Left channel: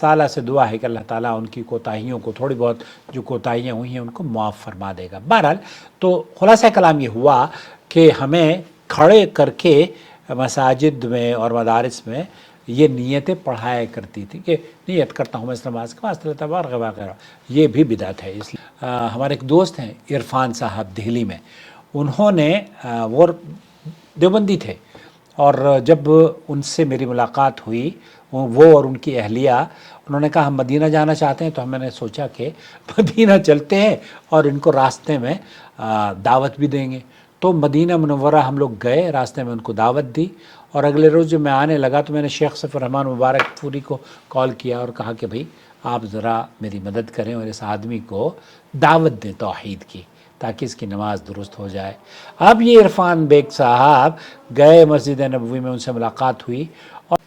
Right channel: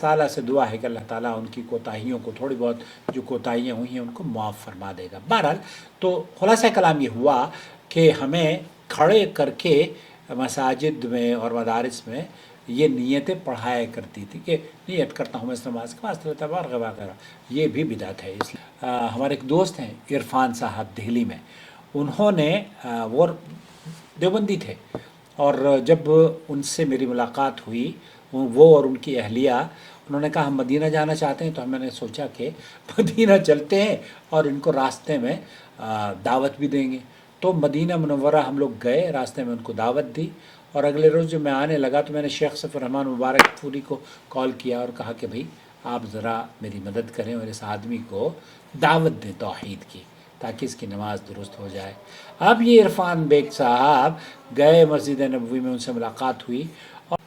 ताला से दुआ है कि अल्लाह ताला उनकी कोताहियों को, थोड़ी बहुत जो कोताहियाँ हुई हैं उनको मुआफ़ फरमा देगा। बहरहाल तो खुलासा कलाम ये हुआ कि हमें खड़े करके मसाजिद में और मदारिस में ये नीयतें पढ़ाया करती थी कि नीयत करता हूँ मैं इस नमाज के वास्ते तबारक वगैरह, ये भी बिदअत है। इसलिए हमारे एक दोस्त हैं इरफान साहब दिल्ली में, उन्होंने वो देवबंदी थे और जब उनसे मेरी मुलाकात हुई वो और उनकी अहलिया, उन्होंने कहा हम मदीना जाना चाहते हैं। तो मैंने सोचा कि मदीना चलते हैं और इनको रास्ते में दावत भी देंगे। तो मदीना मुनव्वरा हम लोग गए, रास्ते में उनको दावत दी और अगले रोज़ जब मैं आने लगा तो मैंने शेख सफ़र रहमान मुबारक पूरी को कॉल किया और कहा कि भाई आप ज़रा मेरी मदद करें और इस आदमी को दावत दें तौहीद की, ताकि इसकी नमाज दुरुस्त हो जाए। अब ये इरफान बेग साहब गए मस्जिद नबवी में, उनसे मुलाकात हुई और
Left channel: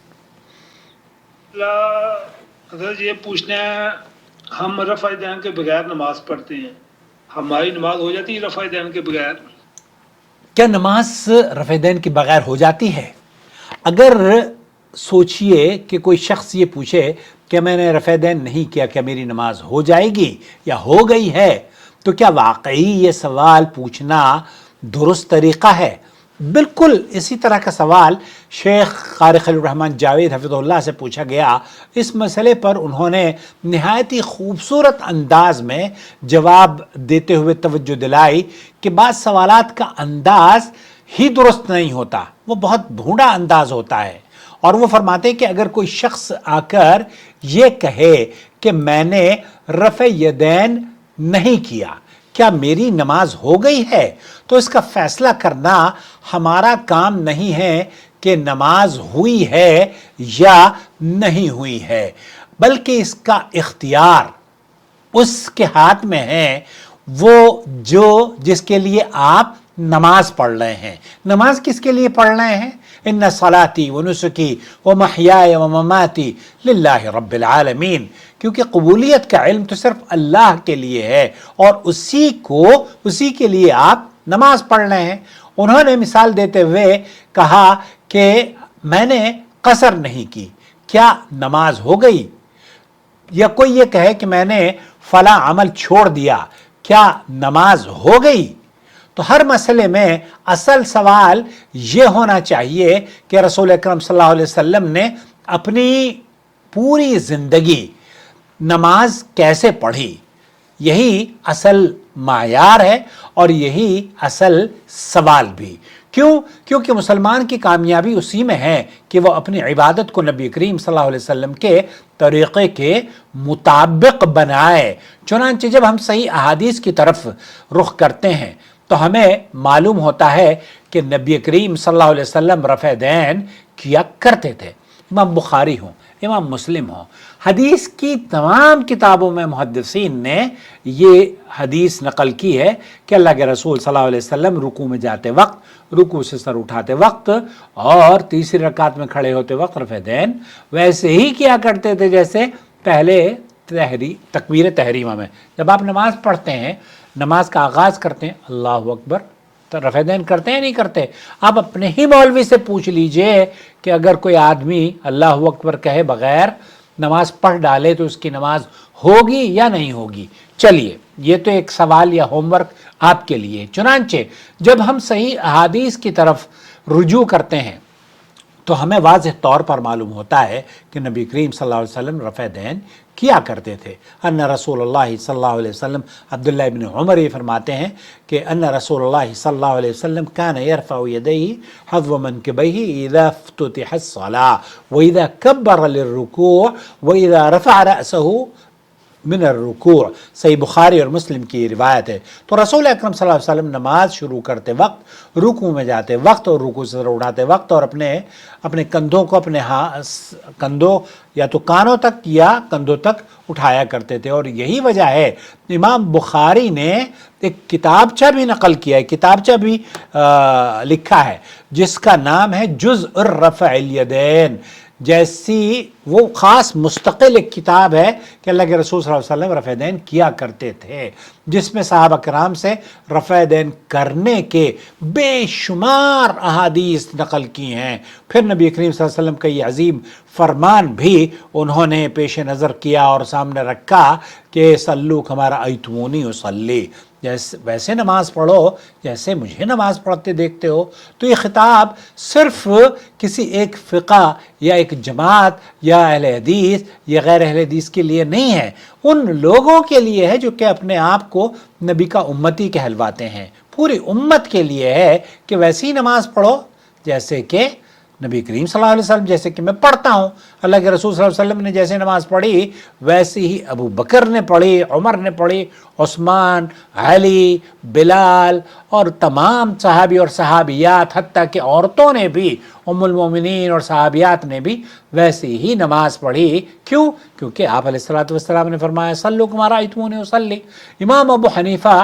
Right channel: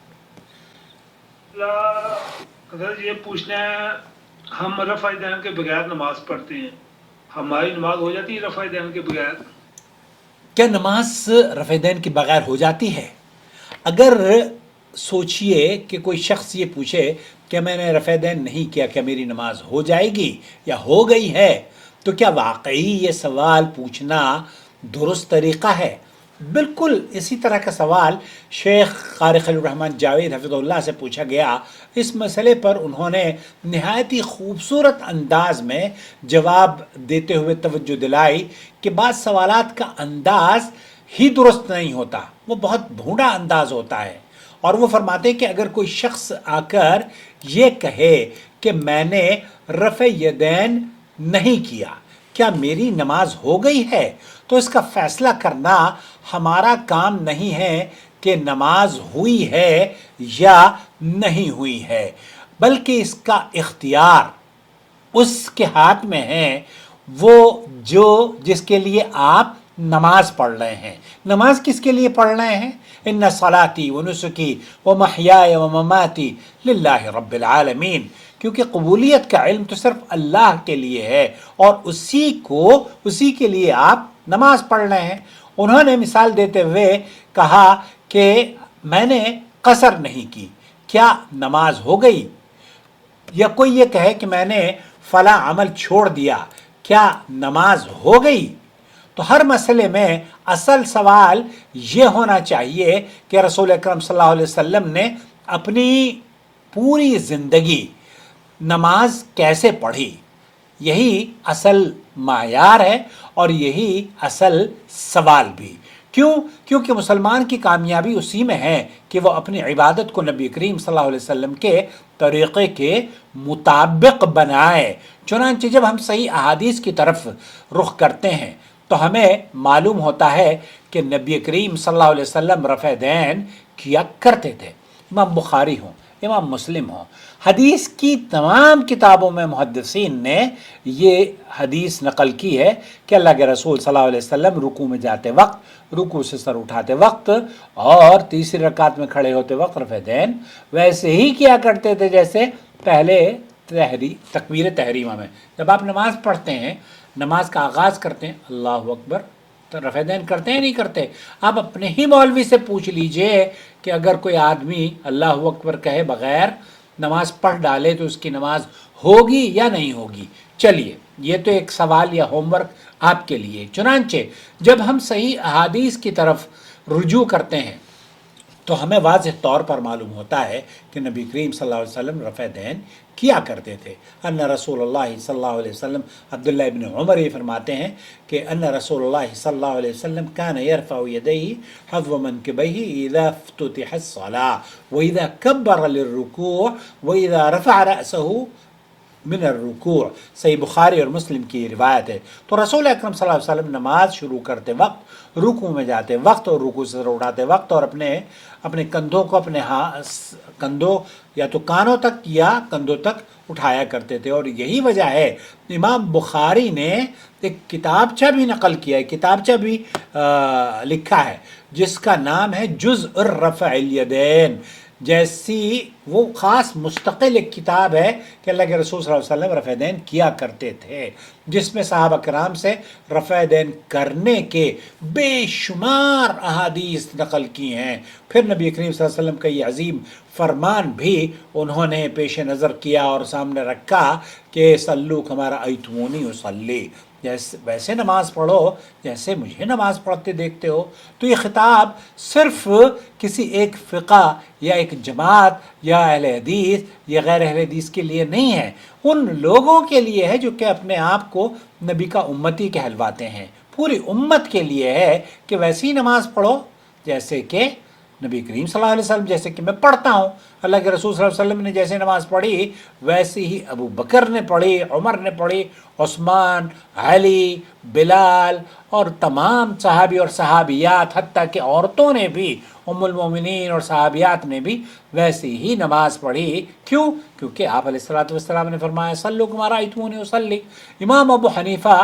अगर ये पूछना है हम रफ़ा दैन के बगैर नमाज पढ़ते हैं, हमारी नमाज हो जाती है रफ़ा दैन के बगैर? क्या नमाज रफ़ा दैन के बगैर हो जाती है? अगर सोचिए कि कोई शख्स ये पूछे कि मैंने रफ़ा दैन नहीं किया, क्या मेरी नमाज हो जाएगी या हो गई है, तो क्या वाकई ये सवाल पूछना दुरुस्त तरीक़ा है? बिल्कुल इसी तरह का सवाल शेख क़ारी खलील रहमान जावेद हफ़िज़हुल्लाह से पूछा गया। इस मसले पर उन्होंने नहायत ही खूबसूरत अंदाज में जवाब देते हुए तवज्जो दिलाई कि बाज़ सवालात का अंदाज़ ही दुरुस्त नहीं होता, वो बहुत भूंडा अंदाज होता है। और वो फरमाते हैं कि अगर कोई शख्स आकर ये कहे कि मैंने रफ़े यदैन नहीं किया, क्या मेरी नमाज हो गई है, तो इसका फैसला करना हमारा काम नहीं है कि नमाज हुई है या नहीं हुई है, बल्कि इसका इख्तियार उसके हाथ में है, वो जो जिसके लिए आप नमाज पढ़ रहे हैं। नमाज किसके लिए पढ़ रहे हैं? इन्ना सलाती व नुसुकी व महयाय व ममाती लिल्लाहि रब्बिल आलमीन, क्योंकि कबूलियत का इल्म तो सिर्फ अल्लाह के लिए है और उसी के लिए आप नमाज पढ़ रहे हैं। उन्होंने मिसाल देते हुए कहा कि मैंने कसर नहीं की, क्या नमाज हो गई? या कोई ये कहे कि मैंने फला अमल छोड़ दिया, क्या नमाज हो गई? तो हर मसले में असल सवाल ये होना चाहिए कि रसूल अकरम सल्लल्लाहु अलैहि वसल्लम ने अपनी पूरी ज़िंदगी नमाज कैसे पढ़ी, यही असल मायार है और यही असल सवाल भी। क्यों? क्योंकि मुसलमान की कामयाबी उसी में है कि वह अपनी इबादत को नबी करीम सल्लल्लाहु अलैहि वसल्लम के तरीक़े के मुताबिक बनाए। चुनांचे जब हम सही अहादीस की तरफ रुख करते हैं तो हमें मालूम होता है कि नबी करीम सल्लल्लाहु अलैहि वसल्लम रफ़ा दैन किया करते थे। इमाम बुखारी हो, इमाम मुस्लिम हो, हदीस की तमाम किताबों में मुहद्दिसीन ने ये हदीस नकल की है कि अल्लाह के रसूल सल्लल्लाहु अलैहि वसल्लम रुकू में जाते वक्त, रुकू से सर उठाते वक्त और तीसरी रकात में खड़े होते वक्त रफ़ा दैन वैसे ही किया करते थे जैसे पहले तकबीर तहरीमा में। जब आप नमाज पढ़ते हैं, नमाज का आगाज़ करते हैं अल्लाहु अकबर, तो रफ़ा दैन करते हैं नहीं करते? आप अपने ही मौलवी से पूछ लीजिए कि अगर कोई आदमी अल्लाहु अकबर कहे बग़ैर नमाज पढ़ डाले तो उसकी नमाज होगी या नहीं होगी। चलिए, ये तो एक सवाल या होमवर्क आपके लिए। चुनांचे जब हम सही अहादीस की तरफ रुजू करते हैं तो हमें वाज़ेह तौर पर मालूम होता है कि नबी करीम सल्लल्लाहु अलैहि वसल्लम रफ़ा दैन किया करते थे। अन्ना रसूलुल्लाह सल्लल्लाहु अलैहि वसल्लम, अब्दुल्लाह इब्न उमर ये फरमाते हैं कि अन्ना रसूलुल्लाह सल्लल्लाहु अलैहि वसल्लम कान यरफ़उ यदैहि हज़्व मनकिबैहि इज़ा फ़ुतिहत अस्सलाह व इज़ा कब्बरा लिर्रुकूअ व इज़ा रफ़अ रअसहु मिन रुकूअ। सही बुखारी और मुस्लिम की रिवायत है। तो रसूल अकरम सल्लल्लाहु अलैहि वसल्लम नमाज शुरू करते वक्त, रुकू में जाते वक्त और रुकू से उठाते वक्त और अपने कंधों को अपने कंधों या तो कानों तक या कंधों तक उठाया करते थे। और यही वजह है इमाम बुखारी ने एक किताबचा भी नकल किया है, किताबचा भी लिखा है जिसका नाम है जुज़्उर रफ़अल यदैन, जैसी वो ख़ास मुस्तकिल एक किताब है कि अल्लाह के रसूल सल्लल्लाहु अलैहि वसल्लम रफ़ दैन किया करते थे, जिसमें सहाबा कराम से रफ़ दैन करने के बेशुमार अहादीस नकल की हैं। फिर नबी करीम सल्लल्लाहु अलैहि वसल्लम का ये अजीम फरमान भी उन्होंने पेश नज़र किया और सामने रखा कि सल्लू कमारा अयतुमूनी उसल्ली, जैसे वैसे नमाज पढ़ो जैसे मुझे नमाज पढ़ते देखते हो। तो ये खिताब सिर्फ किसी एक फ़िक़ा या एक जमात या अहले हदीस या गैर अहले हदीस के लिए नहीं है, उन लोगों के लिए है जो कि अपने आप को नबी का उम्मती कहलवाते हैं। पूरी उम्मत के लिए है कि वैसी ही नमाज पढ़ो जैसे कि नबी करीम सल्लल्लाहु अलैहि वसल्लम, जैसे कि मैं पढ़ता हूँ। अल्लाह के रसूल सल्लल्लाहु अलैहि वसल्लम ने जैसे नमाज पढ़ी वैसे ही अबू बकर ने पढ़ी, उमर ने पढ़ी, उस्मान, अली, बिलाल और तमाम सहाबी और सहाबियात, हत्ता कि औरतों ने भी, उम्मुल मोमिनीन और सहाबियात ने भी वैसे ही नमाज पढ़ी। क्यों? क्योंकि आप अलैहिस्सलातु वस्सलाम ने फरमाया सल्लू कमा रअयतमूनी उसल्ली। इमाम अबू हनीफा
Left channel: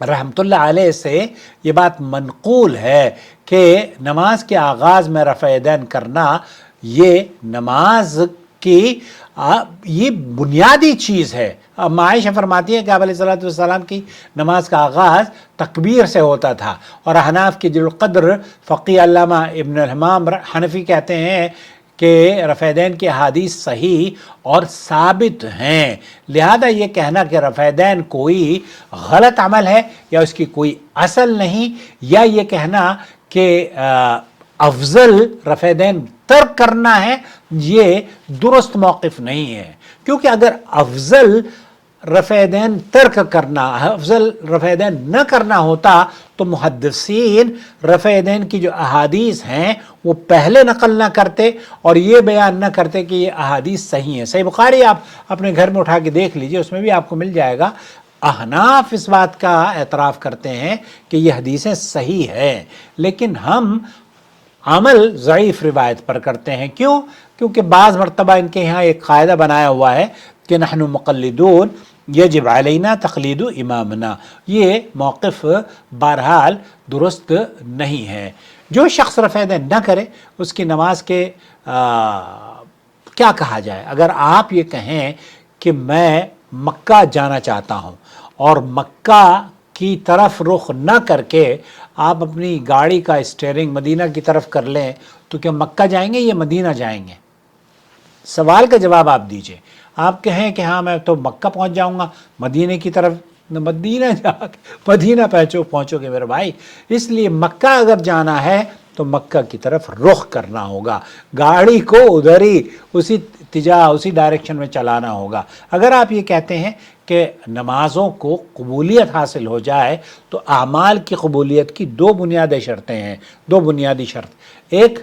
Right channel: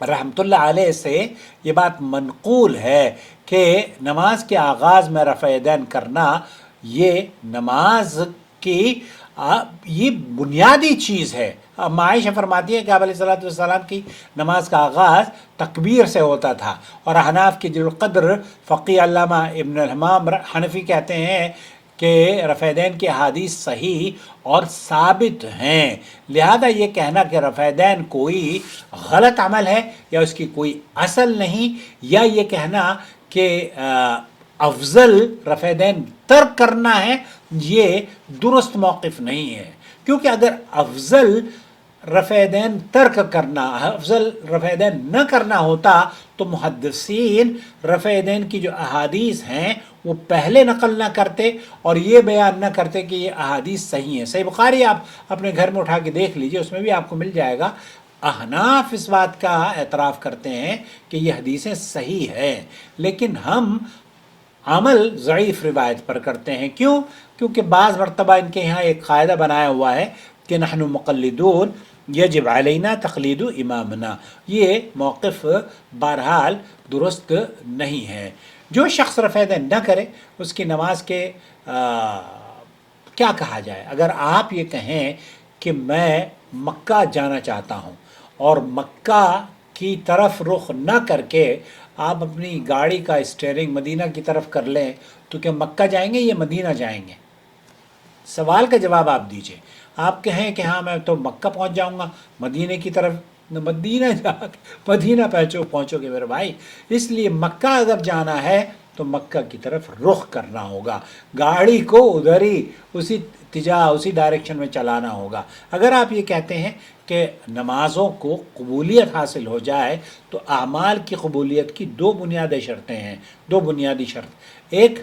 रहमतुल्लाह अलैह से ये बात मनकूल है कि नमाज के आगाज़ में रफ़अ यदैन करना ये नमाज की ये बुनियादी चीज़ है। अब आयशा फरमाती है कि आप अलैहिस्सलातु वस्सलाम की नमाज का आगाज़ तकबीर से होता था, और हनाफ के जुल क़द्र फ़क़ीह अल्लामा इब्न हमाम हनफ़ी कहते हैं कि रफ़अ दैन की हदीस सही और साबित हैं। लिहाजा ये कहना कि रफ़अ दैन कोई गलत अमल है या उसकी कोई असल नहीं, या ये कहना कि अफजल रफ़अ दैन तर्क करना है, ये दुरुस्त मौक़िफ़ नहीं है। क्योंकि अगर अफजल रफ़अ दैन तर्क करना, अफजल रफ़अ दैन न करना होता तो मुहद्दिसीन रफ़अ दैन की जो अहादीस हैं वो पहले नकल न करते और ये बयान न करते कि ये अहादीस सही हैं। सही बुखारी आप अपने घर में उठा के देख लीजिए, उसमें भी आपको मिल जाएगा। अहनाफ इस बात का एतराफ़ करते हैं कि ये हदीसें सही है, लेकिन हम अमल ज़ईफ़ रिवायत पर करते हैं। क्यों? क्योंकि बाज़ मरतबा इनके यहाँ एक क़ायदा बनाया हुआ है कि नहनु मुक़ल्लिदून यजिब अलैना तक़लीदु इमामना। ये मौक़िफ़ बहरहाल दुरुस्त नहीं है। जो शख्स रफ़अ दैन न करे उसकी नमाज के क्या कहा जाए? अगर आप ये कहें कि मैं मक्का जाना चाहता हूँ और मक्का की तरफ रुख न करके आप अपनी गाड़ी का स्टीयरिंग मदीना की तरफ कर लें, तो क्या मक्का जाएंगे या मदीना जाएंगे? सवाल का जवाब आप दीजिए। आप कहें कि हाँ मैं तो मक्का पहुंच जाऊंगा, मदीने की तरफ मदीना जाके मदीना पहुंचोगे मेरे भाई। इसलिए मक्का अगर जाना है तो मक्का की तरफ रुख करना होगा, गाड़ी को उधर ही उसी डायरेक्शन में चलाना होगा। अगर आप ये कहते हैं कि नमाज़ों को कबूलियत हासिल हो जाए तो आमाल की कबूलियत की दो बुनियादी शर्तें हैं, दो बुनियादी शर्त, एक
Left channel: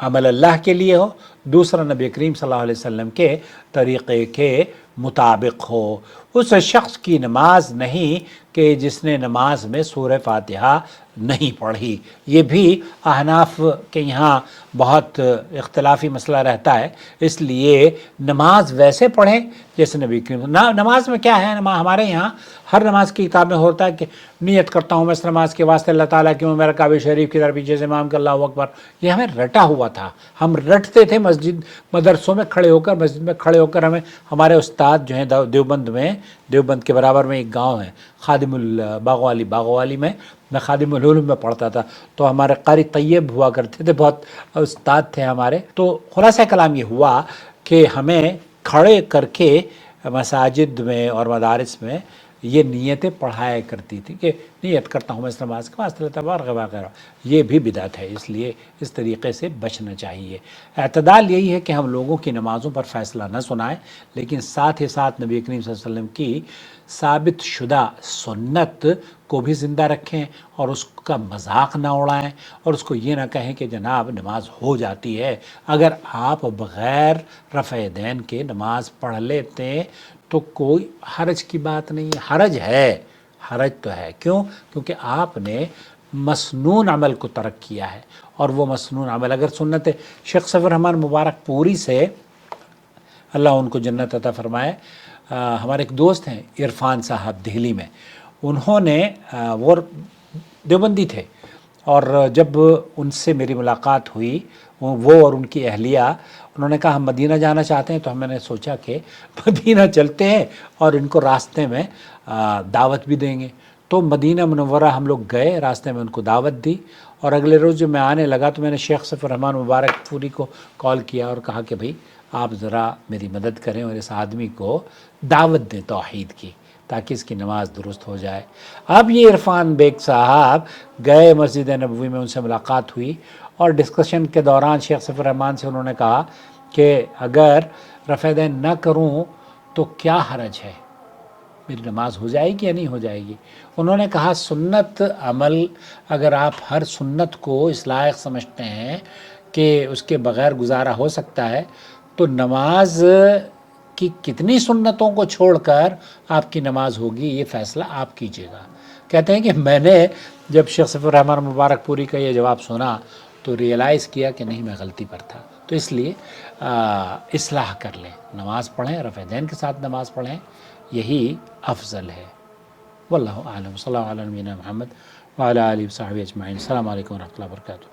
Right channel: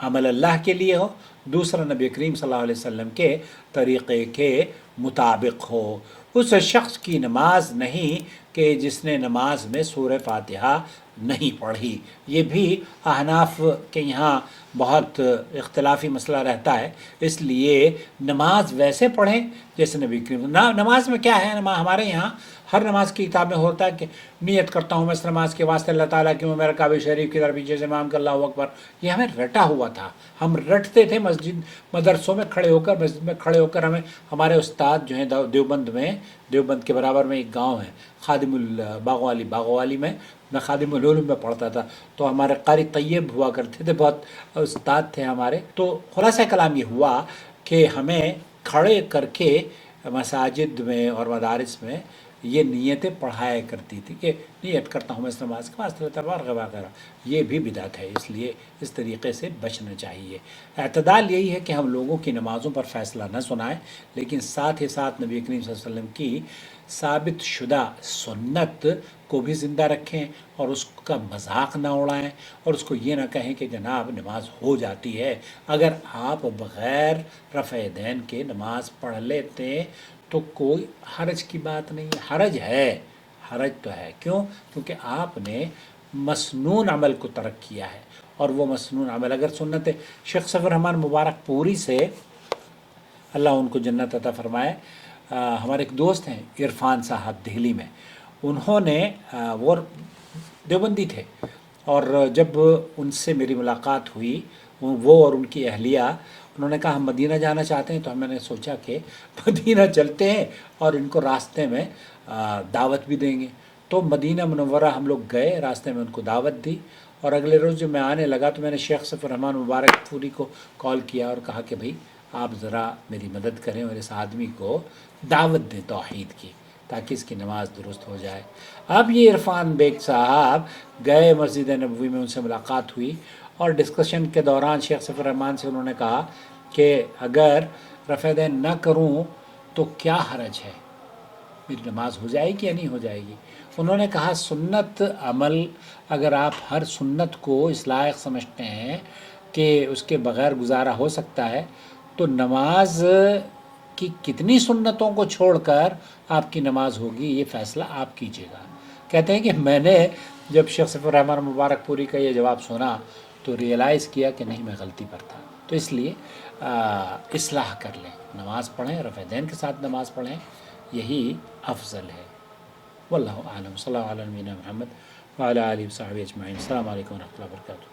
अमल अल्लाह के लिए हो, दूसरा नबी करीम सल्लल्लाहु अलैहि वसल्लम के तरीक़े के मुताबिक हो। उस शख्स की नमाज नहीं कि जिसने नमाज में सूरह फातिहा नहीं पढ़ी। ये भी अहनाफ के यहाँ बहुत इख्तलाफी मसला रहता है। इसलिए नमाज वैसे पढ़ें जैसे नबी करीम नमाज में क्या है, हमारे यहाँ हर नमाज की किताब में होता है कि नियत करता हूँ मैं इस नमाज के वास्ते अल्लाह ताला की, मेरा काबे शरीफ की तरफ पीछे से इमाम का अल्लाहु अकबर। ये हमें रटा हुआ था, हम रटते थे मस्जिद मदरसों में खड़े होकर, मस्जिद में खड़े होकर। हमें हमारे उस्ताद जो हैं देवबंद के बराबर में एक गाँव है खादिमुल बागवाली में, मैं खादिमुल उलूम में पढ़ता था, तो हमारे कारी तैयब हुआ करते थे, बहुत उस्ताद थे हमारे। तो खुलासा कलाम ये हुआ कि हमें खड़े करके मसाजिद में और मदारिस में ये नियतें पढ़ाया करती थी कि नियत करता हूँ मैं इस नमाज का वास्ते वगैरह। ये भी बिदअत है, इसलिए इस तरीक़े से बचना चाहिए। एतदाल यही है कि हम लोगों की नमाज़ों पर फ़ैसला न सुनाएं, लेकिन साथ ही साथ नबी करीम सल्लल्लाहु अलैहि वसल्लम की साबित शुदा सुन्नत को भी ज़िंदा रखें और उसका मजाक ना उड़ाएं और उसको ये ना कहें कि जनाब नमाज हो जाती है। अगर आप बग़ैर रफ़अ दैन के नमाज पढ़ लेते तो कोई हरज की बात नहीं है। हरज तो है। क्यों? क्योंकि आपने मसनून अमल को तर्क किया है, और वो मसनून अमल अगर सुन्नत शेख सफ़ीर रहमान मुबारक पूरी से अल्लाह उनको जन्नत अता फरमाए, हमारे एक दोस्त हैं इरफान साहब दिल्ली में, उन्होंने वो देवबंदी थे, और जब उनसे मेरी मुलाकात हुई وہ اور ان کی اہلیہ انہوں نے کہا ہم مدینہ جانا چاہتے ہیں، تو میں نے سوچا کہ مدینہ چلتے ہیں اور ان کو راستے میں دعوت بھی دیں گے۔ تو مدینہ منورہ ہم لوگ گئے، راستے میں ان کو دعوت دی، اور اگلے روز جب میں آنے لگا تو میں نے شیخ صفی الرحمن مبارک پوری کو کال کیا اور کہا کہ بھئی آپ ذرا میری مدد کریں اور اس آدمی کو دعوت دیں توحید کی، تاکہ اس کی نماز درست ہو جائے۔ اب یہ عرفان بیگ صاحب گئے مسجد نبوی میں، ان سے ملاقات ہوئی، اور ڈسکشن کے دوران شیخ صفی الرحمن سے انہوں نے کہا کہ اگر رفع دین نہ کروں تو کیا حرج ہے، میری نماز ہو جائے گی یا نہیں ہو جائے گی؟ انہوں نے کہا سنت عمل اگر آپ ہر سنت کو اس لائق سمجھتے ہیں کہ اس کے بغیر گزارا ہو سکتا ہے، تو نماز کی کتنی سنتوں کو چھوڑ کر آپ کی نماز ہوگی، یہ فیصلہ آپ کیجیے گا۔ کہتے ہیں کہ میں نے جب شیخ صفی الرحمن مبارک پوری کا یہ جواب سنا تو ریئلائز کیا کہ نہیں، میں غلطی پر تھا۔ تو اس لیے اصلاح کر لیں، نماز پڑھیں، رفع دین کے ساتھ نماز پڑھیں، یہی افضل ہے۔ واللہ اعلم، صلی اللہ علیہ نبینا محمد وعلی آلہ وصحبہ اجمعین۔ السلام علیکم ورحمۃ اللہ وبرکاتہ۔